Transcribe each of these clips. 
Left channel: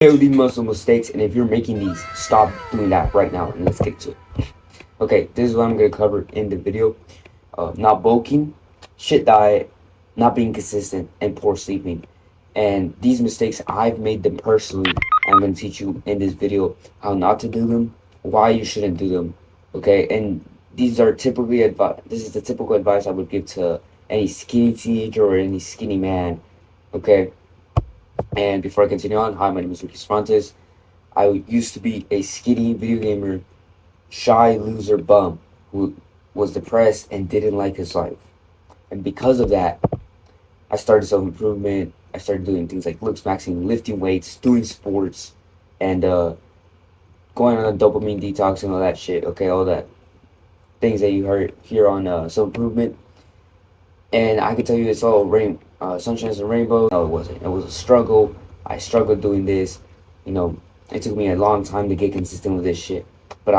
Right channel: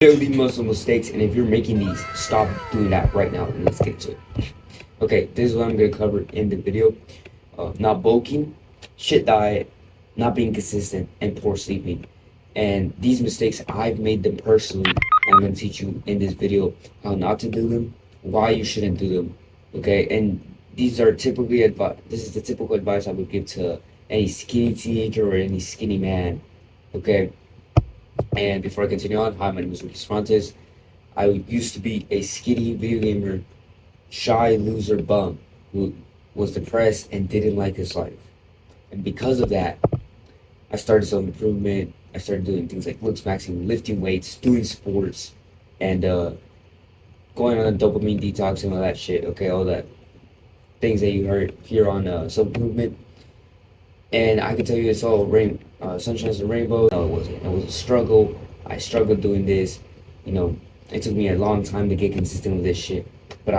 Building muscle mistakes, and if you're making these, stop doing that right now and let's get to it. Okay, this is what I'm gonna cover in the video. Not bulking, shit diet, not being consistent, and poor sleeping. And these mistakes, I've made them personally. I'm gonna teach you in this video how not to do them, why you shouldn't do them. Okay, and these are typically advice. This is the typical advice I would give to any skinny teenager or any skinny man. Okay. And before I continue on, hi, my name is Lucas Fontes. I used to be a skinny video gamer, shy loser bum who was depressed and didn't like his life. And because of that, I started self-improvement. I started doing things like looks maxing, lifting weights, doing sports, and going on a dopamine detox and all that shit. Okay, all that things that you heard here on self-improvement. And I can tell you it's all sunshine and rainbow. No, it wasn't. It was a struggle. I struggled doing this. You know, it took me a long time to get consistent with this shit. But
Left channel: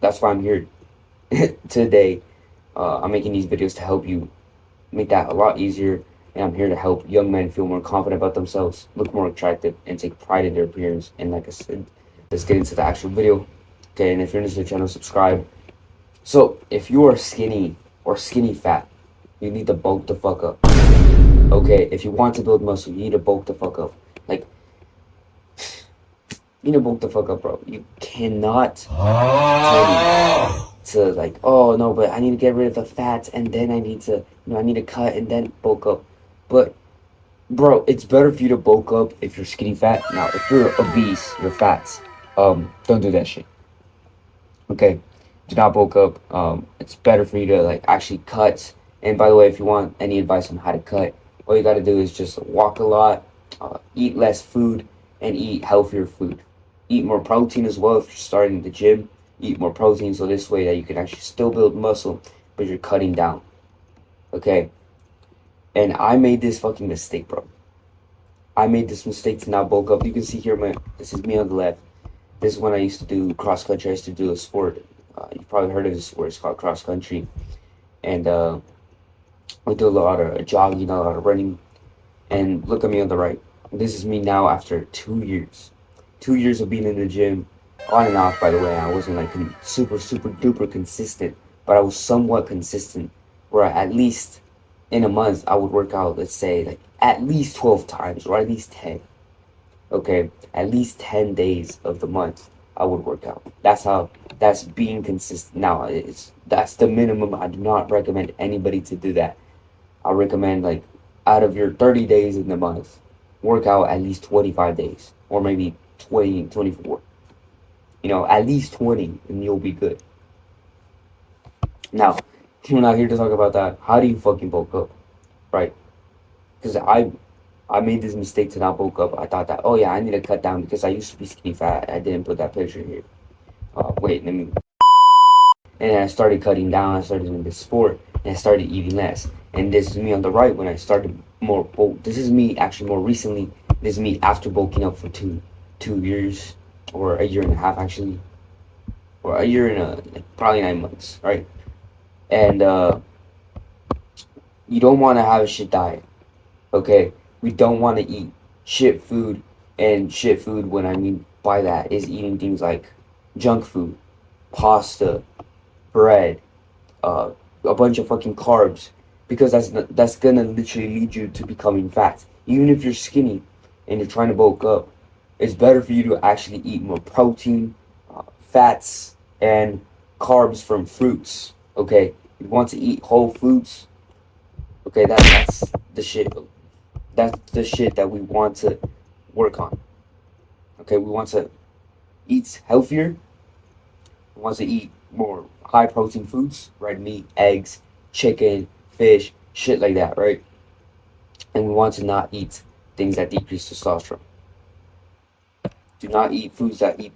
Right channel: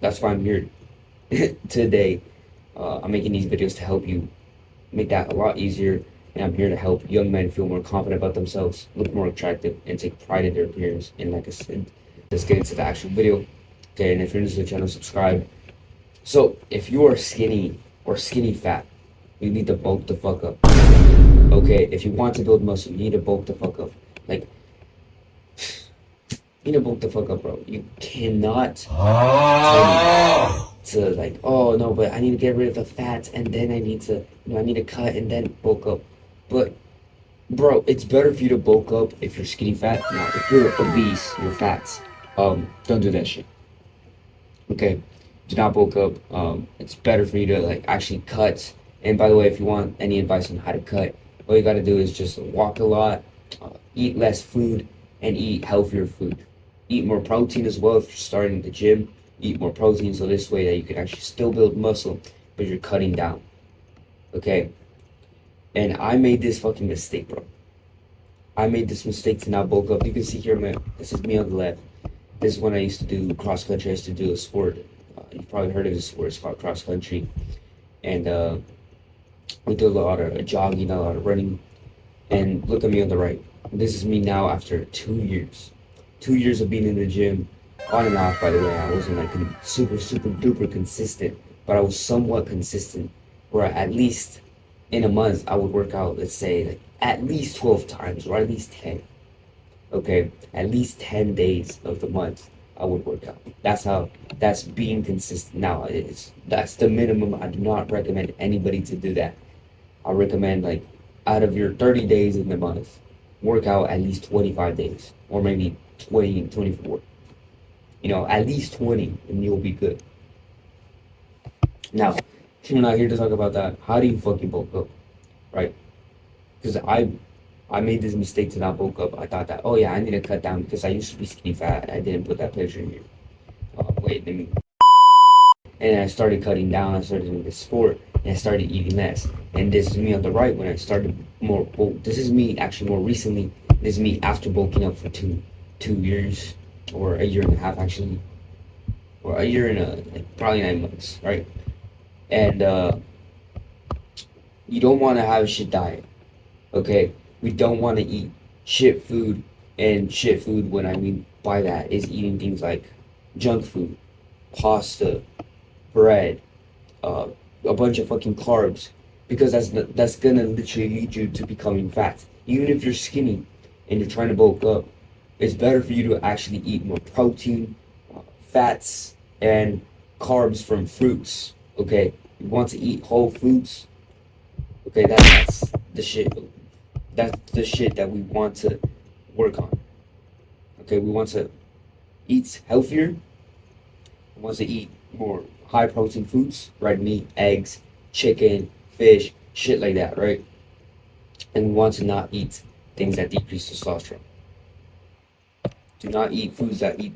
that's why I'm here today. I'm making these videos to help you make that a lot easier. And I'm here to help young men feel more confident about themselves, look more attractive, and take pride in their appearance. And like I said, let's get into the actual video. Okay, and if you're new to the channel, subscribe. So, if you are skinny or skinny fat, you need to bulk the fuck up. Okay, if you want to build muscle, you need to bulk the fuck up. Like, you need to bulk the fuck up, bro. You cannot to like, oh no, but I need to get rid of the fats and then I need to, I need to cut and then bulk up. But, bro, it's better for you to bulk up if you're skinny fat. Now, if you're obese, you're fats. Don't do that shit. Okay, do not bulk up. It's better for you to like actually cut. And by the way, if you want any advice on how to cut, all you got to do is just walk a lot, eat less food, and eat healthier food. Eat more protein as well if you're starting the gym. Eat more protein so this way that you can actually still build muscle, but you're cutting down. Okay? And I made this fucking mistake, bro. I made this mistake to not bulk up. You can see here, this is me on the left. This is when I used to do cross country. I used to do a sport. You've probably heard of this sport. It's called cross country. And, we do a lot of jogging, a lot of running. And look at me on the right. This is me now after 2 years. 2 years of being in the gym, on and off, by the way. I wasn't like super duper consistent, but I was somewhat consistent where at least in a month I would work out, let's say, like at least 12 times or at least 10. Okay, at least 10 days of the month I would work out. That's being consistent. Now, that's the minimum. I do not recommend anybody to do that. I recommend, like, out of your 30 days in the month, work out at least 25 days or maybe 20, 24. You know, at least 20 and you'll be good. Now, we're not here to talk about that. How do you fucking bulk up, right? Because I made this mistake to not bulk up. I thought that, oh yeah, I need to cut down because I used to be skinny fat. I didn't put that picture here. Wait, let me. And I started cutting down. I started doing this sport, and I started eating less. And this is me on the right when I started more. This is me actually more recently. This is me after bulking up for two years or a year and a half actually, or a year and like probably 9 months, right? And you don't want to have a shit diet, okay? We don't want to eat shit food, and shit food, what I mean by that is eating things like junk food, pasta, bread, a bunch of fucking carbs, because that's gonna literally lead you to becoming fat. Even if you're skinny and you're trying to bulk up, it's better for you to actually eat more protein, fats, and carbs from fruits. Okay, you want to eat whole foods. Okay, that's the shit. That's the shit that we want to work on. Okay, we want to eat healthier. We want to eat more high protein foods, right? Meat, eggs, chicken, fish, shit like that, right? And we want to not eat things that decrease testosterone. Do not eat foods that eat,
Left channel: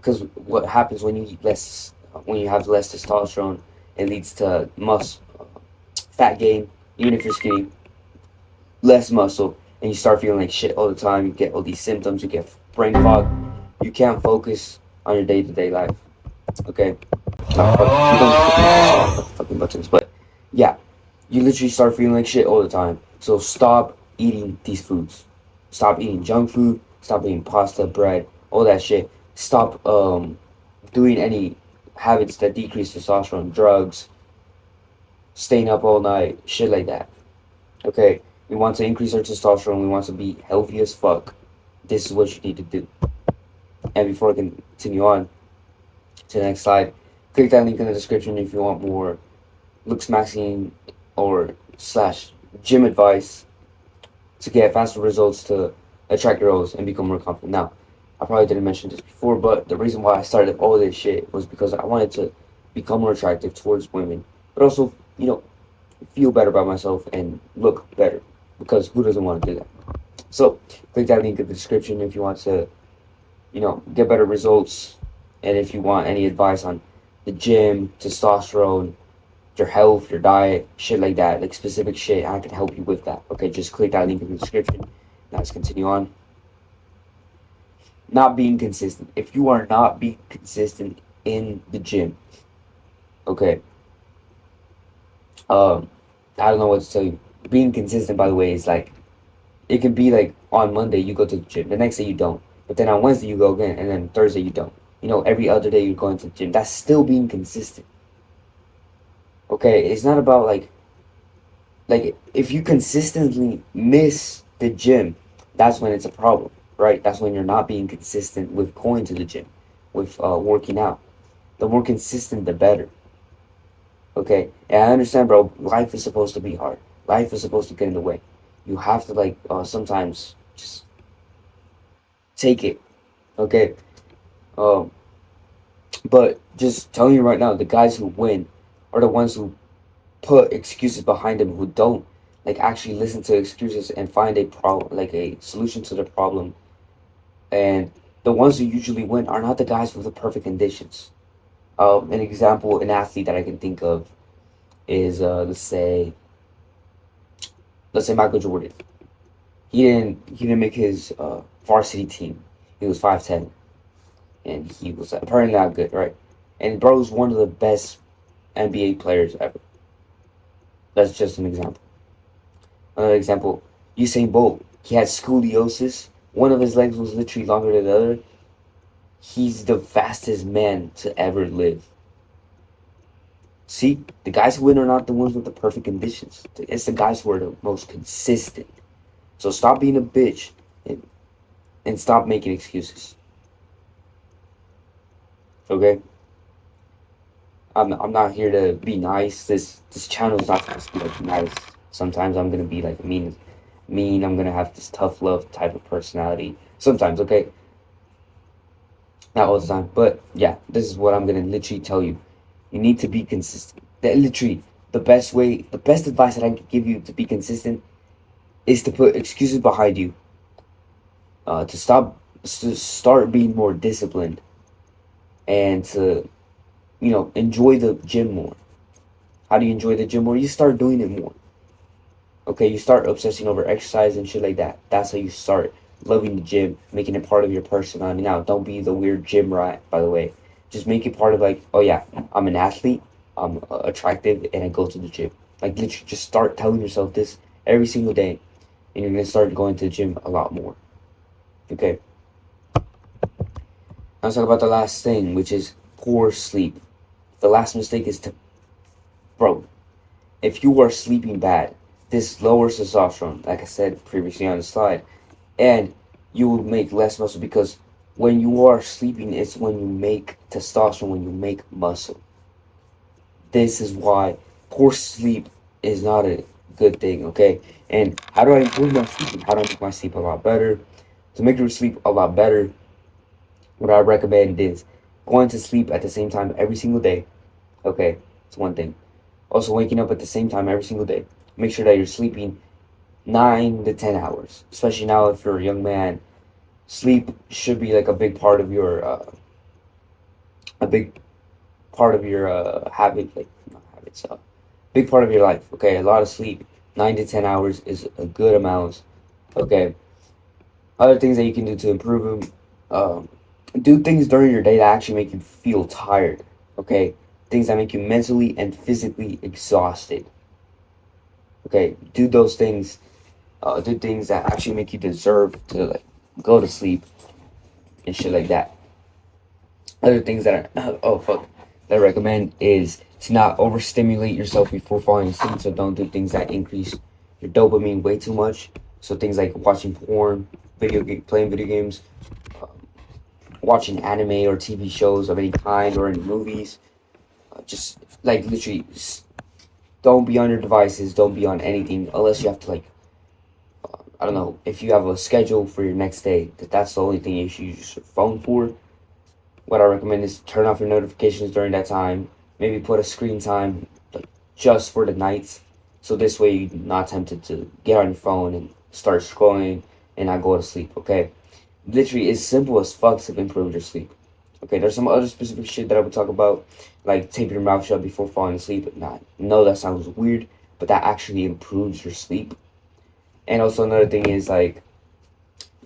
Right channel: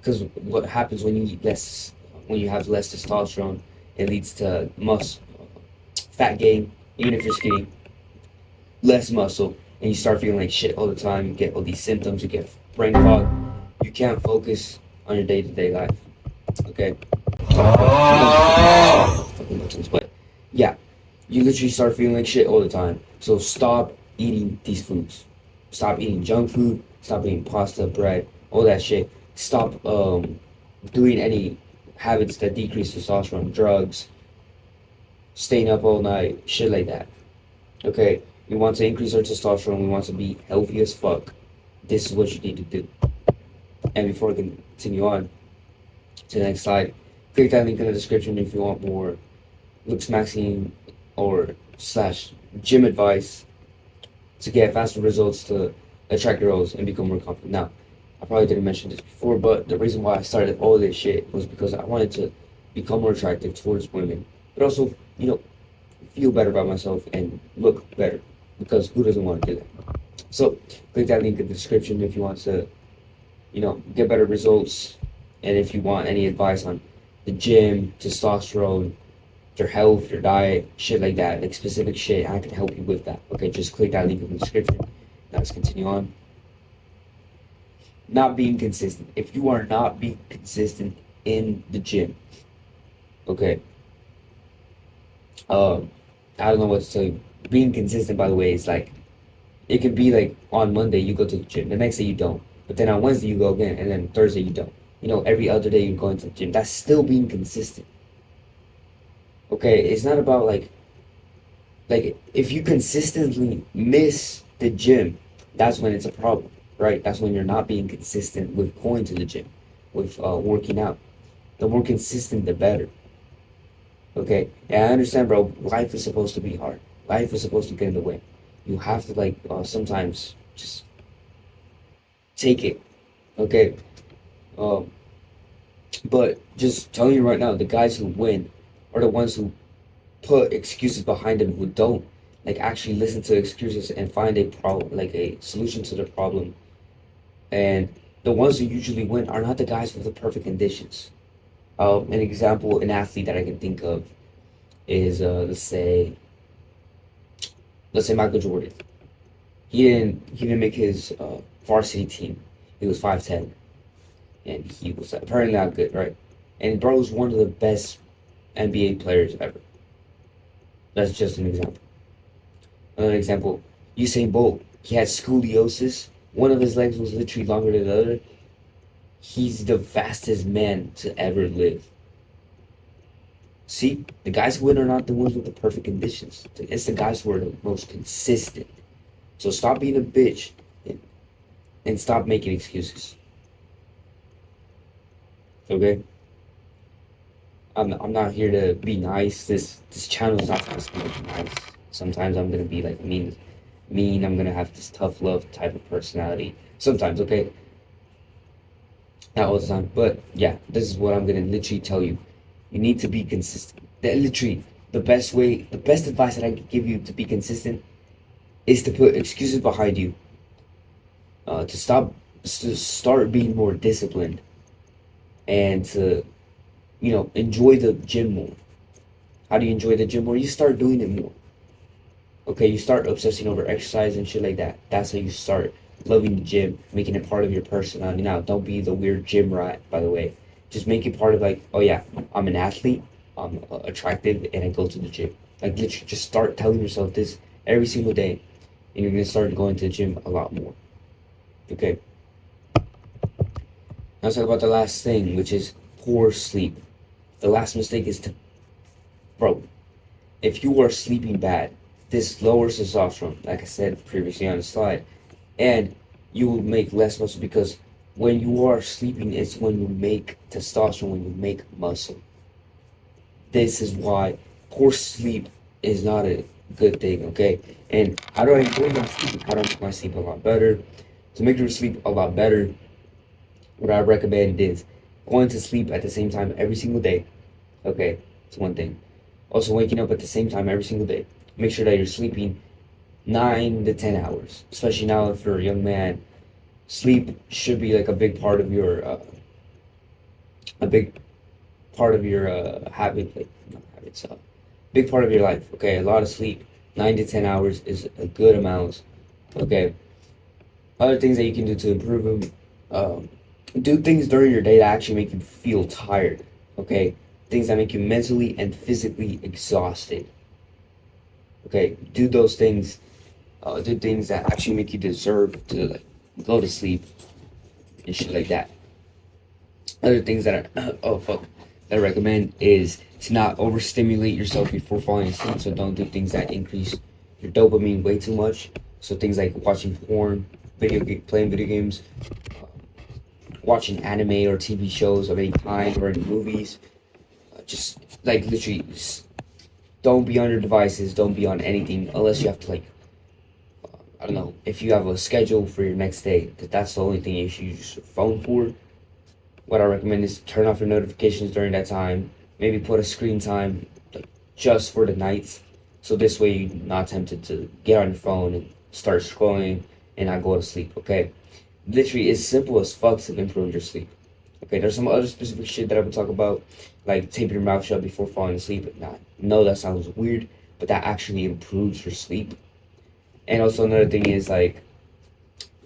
because what happens when you eat less, when you have less testosterone, it leads to fat gain, even if you're skinny, less muscle, and you start feeling like shit all the time. You get all these symptoms, you get brain fog, you can't focus on your day-to-day life. Okay? Fucking buttons, but yeah, you literally start feeling like shit all the time. So stop eating these foods. Stop eating junk food. Stop eating pasta, bread, all that shit. Stop doing any habits that decrease testosterone, drugs, staying up all night, shit like that. Okay, we want to increase our testosterone. We want to be healthy as fuck. This is what you need to do. And before I continue on to the next slide, click that link in the description if you want more looks maxing or slash gym advice to get faster results to attract girls and become more confident. Now, I probably didn't mention this before, but the reason why I started all this shit was because I wanted to become more attractive towards women, but also, feel better about myself and look better, because who doesn't want to do that? So click that link in the description if you want to, get better results, and if you want any advice on the gym, testosterone, your health, your diet, shit like that, like specific shit, I can help you with that. Okay, just click that link in the description. Now let's continue on. Not being consistent. If you are not being consistent in the gym, okay, I don't know what to tell you. Being consistent, by the way, is like, it can be like on Monday you go to the gym, the next day you don't, but then on Wednesday you go again, and then Thursday you don't. Every other day you're going to the gym. That's still being consistent. Okay, it's not about like if you consistently miss the gym, that's when it's a problem, right? That's when you're not being consistent with going to the gym, with working out. The more consistent, the better. Okay, and I understand, bro. Life is supposed to be hard. Life is supposed to get in the way. You have to sometimes just take it. Okay, but just telling you right now, the guys who win are the ones who put excuses behind them, who don't actually listen to excuses and find a problem, like a solution to the problem. And the ones who usually win are not the guys with the perfect conditions. An example, an athlete that I can think of is let's say Michael Jordan. He didn't make his varsity team. He was 5'10", and he was apparently not good, right? And bro's one of the best NBA players ever. That's just an example. Another example, Usain Bolt. He had scoliosis. One of his legs was literally longer than the other. He's the fastest man to ever live. See, the guys who win are not the ones with the perfect conditions. It's the guys who are the most consistent. So stop being a bitch and stop making excuses. Okay? I'm not here to be nice. This channel is not supposed to be nice. Sometimes I'm gonna be mean. I'm gonna have this tough love type of personality. Sometimes, okay? Not all the time. But yeah, this is what I'm gonna literally tell you. You need to be consistent. That literally the best advice that I can give you to be consistent is to put excuses behind you. To start being more disciplined, and to enjoy the gym more. How do you enjoy the gym more? You start doing it more. Okay, you start obsessing over exercise and shit like that. That's how you start loving the gym, making it part of your personality. Now, don't be the weird gym rat, by the way. Just make it part of oh yeah, I'm an athlete, I'm attractive, and I go to the gym. Literally, just start telling yourself this every single day, and you're gonna start going to the gym a lot more. Okay. Now let's talk about the last thing, which is poor sleep. The last mistake is bro, if you are sleeping bad, this lowers testosterone, like I said previously on the slide, and you will make less muscle, because when you are sleeping, it's when you make testosterone, when you make muscle. This is why poor sleep is not a good thing, okay? And how do I improve my sleep? How do I make my sleep a lot better? To make your sleep a lot better, what I recommend is going to sleep at the same time every single day. Okay, it's one thing. Also, waking up at the same time every single day. Make sure that you're sleeping 9 to 10 hours. Especially now, if you're a young man, sleep should be a big part of your big part of your life. Okay, a lot of sleep. 9 to 10 hours is a good amount. Okay. Other things that you can do to improve them. Do things during your day that actually make you feel tired. Okay, things that make you mentally and physically exhausted. Okay, do those things. Do things that actually make you deserve to go to sleep, and shit like that. Other things that are oh fuck that I recommend is to not overstimulate yourself before falling asleep. So don't do things that increase your dopamine way too much. So things like watching porn, playing video games, watching anime or TV shows of any kind or any movies. Just like literally, just don't be on your devices. Don't be on anything unless you have to like. I don't know if you have a schedule for your next day. That's the only thing you should use your phone for. What I recommend is turn off your notifications during that time. Maybe put a screen time like, just for the nights. So this way you're not tempted to get on your phone and start scrolling and not go to sleep, okay? Literally, it's simple as fuck to improve your sleep. Okay, there's some other specific shit that I would talk about, like taping your mouth shut before falling asleep. Nah, no, that sounds weird, but that actually improves your sleep. And also another thing is like,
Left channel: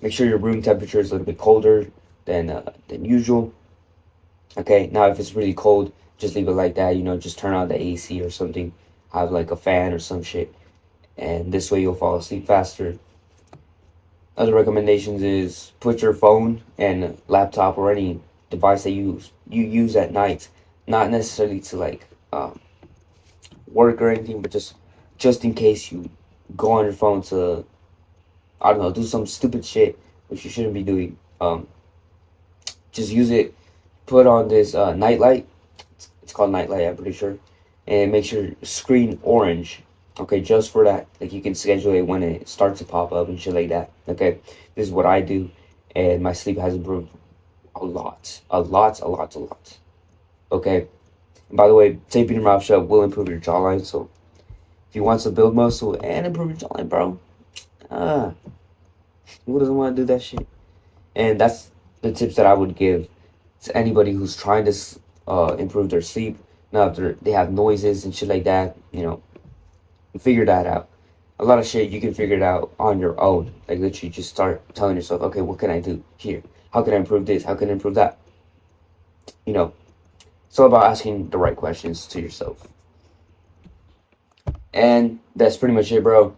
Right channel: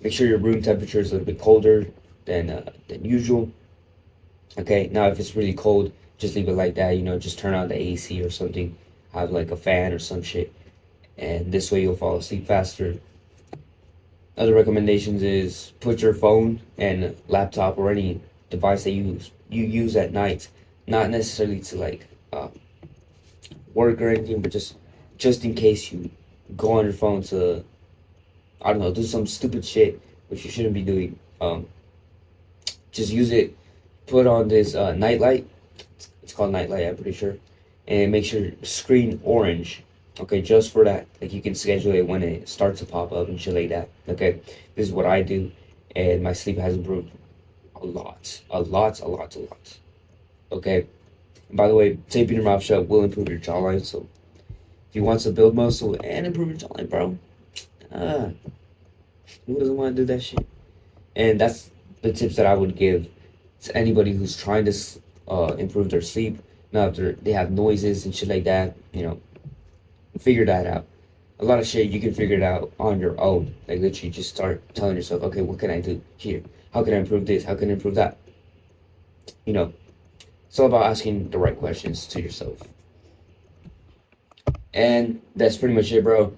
make sure your room temperature is a little bit colder than usual. Okay, now if it's really cold, just leave it like that. You know, just turn on the AC or something. Have like a fan or some shit, and this way you'll fall asleep faster. Other recommendations is put your phone and laptop or any device that you use at night, not necessarily to like work or anything, but just in case you go on your phone to I don't know do some stupid shit which you shouldn't be doing. Just use it. Put on this night light. It's called night light, I'm pretty sure, and make sure screen orange. Okay, just for that. Like you can schedule it when it starts to pop up and shit like that. Okay, this is what I do, and my sleep has improved a lot, a lot, a lot, a lot. Okay. And by the way, taping your mouth shut will improve your jawline. So if you want to build muscle and improve your jawline, bro, who doesn't want to do that shit? And that's the tips that I would give to anybody who's trying to improve their sleep. Now, if they have noises and shit like that, you know, figure that out. A lot of shit you can figure it out on your own. Like literally, just start telling yourself, okay, what can I do here? How can I improve this? How can I improve that? You know, it's all about asking the right questions to yourself. And that's pretty much it, bro.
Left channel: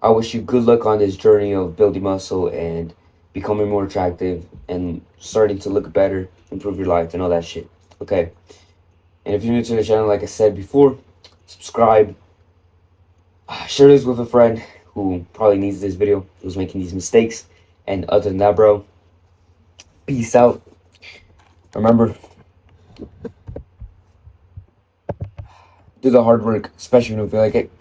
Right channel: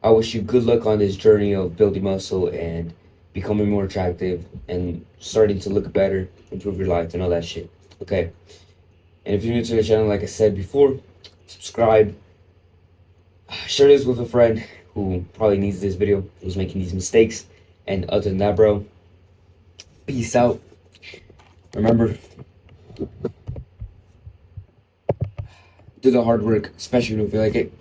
I wish you good luck on this journey of building muscle and becoming more attractive and starting to look better, improve your life, and all that shit. Okay. And if you're new to the channel, like I said before, subscribe. Share this with a friend who probably needs this video, who's making these mistakes. And other than that, bro, peace out. Remember, do the hard work, especially when you feel like it.